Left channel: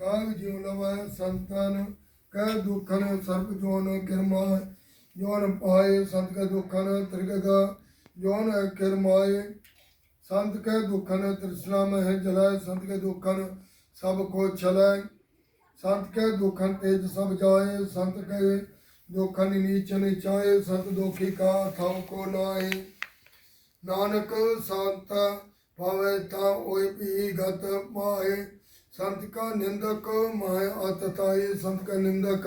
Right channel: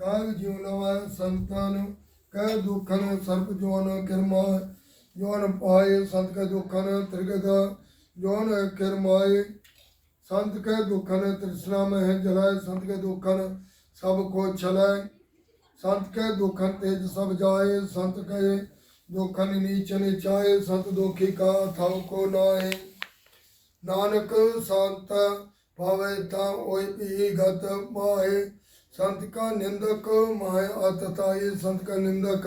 ਕਾਗ ਜਿਉ ਲਵੈ ਸੰਤਨ, ਕਹਿ ਦੁਖਨ ਸਰਪ ਜੋਨ ਕਿਰਮਾ ਜੋਨ ਪਾਏ ਸੰਤ ਕੈ ਦੁਖਨ ਤ੍ਰਿਗਦ, ਜੋਨ ਕਿਰਮਾਏ। ਸੰਤ ਕੈ ਦੁਖਨ ਤ੍ਰਿਸ਼ਨਾ ਮਹਿ ਜਲੈ, ਸੰਤ ਕੈ ਦੁਖਨ ਸਭ ਕੋ ਛਲੈ। ਸੰਤ ਕੈ ਦੁਖਨ ਤੇਜ ਸਭ ਜਾਏ, ਸੰਤ ਕੈ ਦੁਖਨ ਨੀਚ ਨਿਚਾਏ, ਸੰਤ ਦੁਖੀ ਕਾ ਥਾਉ ਕੋ ਨਾਏ ਨਾਨਕ ਸੰਤ ਭਾਵੇ ਤਾਂ ਓਏ ਵੀ ਗਤ संत का निंदक महा आतताए संत का निंदक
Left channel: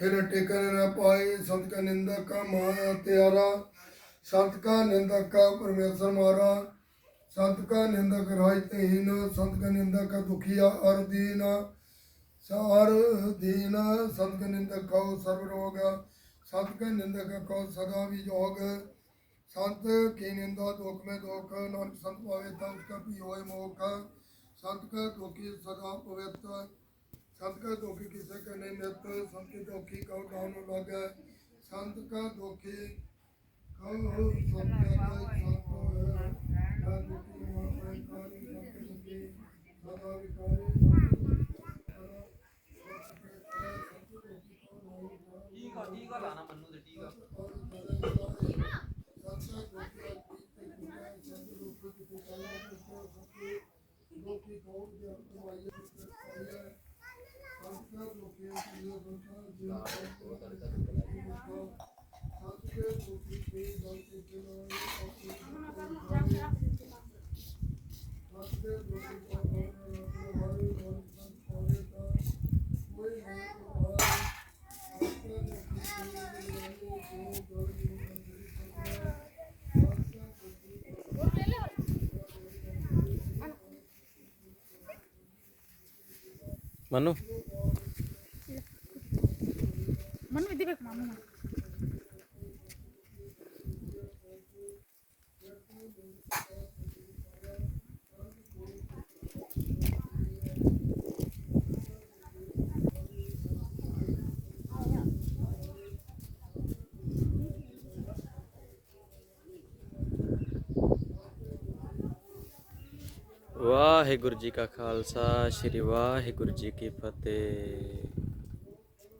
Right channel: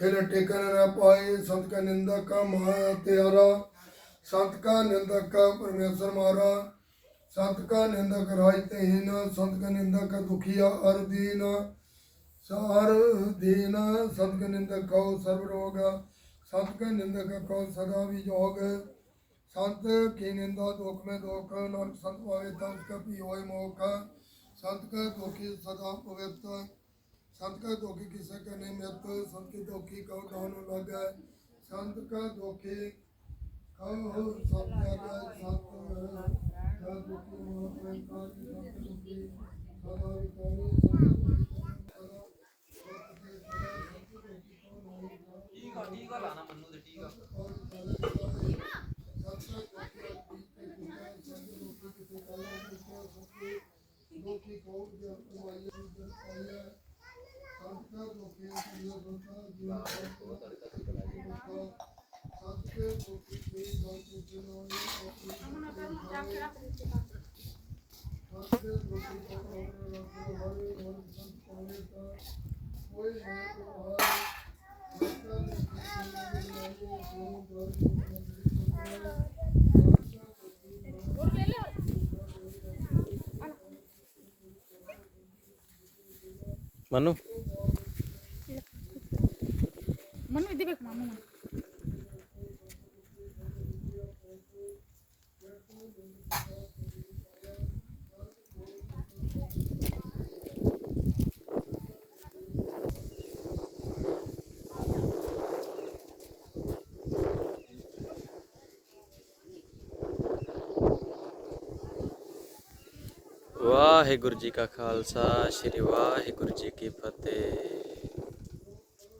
फिर टेकर न पाए संत का निंदक का महा त्यारा संत का निंदक का परमेश्वर मारा संत का निंदक राजतहीन संत का निंदक का दुखिया अर दीन सार दीन संत का निंदक कौ सर्वरोग संत का निंदक कौ सदा विजोग संत की निंदा दुख में दुख नानक संत पावे तब उसका पी होए मोख संत का दुखी सदा पवित्र संत का दुखी किसे का नहीं नित संत के दुखी कहो दान लगे संत का दुखी कहो सब जगह संत है ना दुखी महाप्रकारी संत के दुखी सदा विकारी Manu? ಮಣ್ಣು ಇದ್ದಿಬೇಕು ಮಣ್ಣು ਵਾਹਿਗੁਰੂ ਜੀ ਕਾ ਖਾਲਸਾ ਸ੍ਰੀ ਵਾਹਿਗੁਰੂ ਜੀ ਕੀ ਫਤਿਹ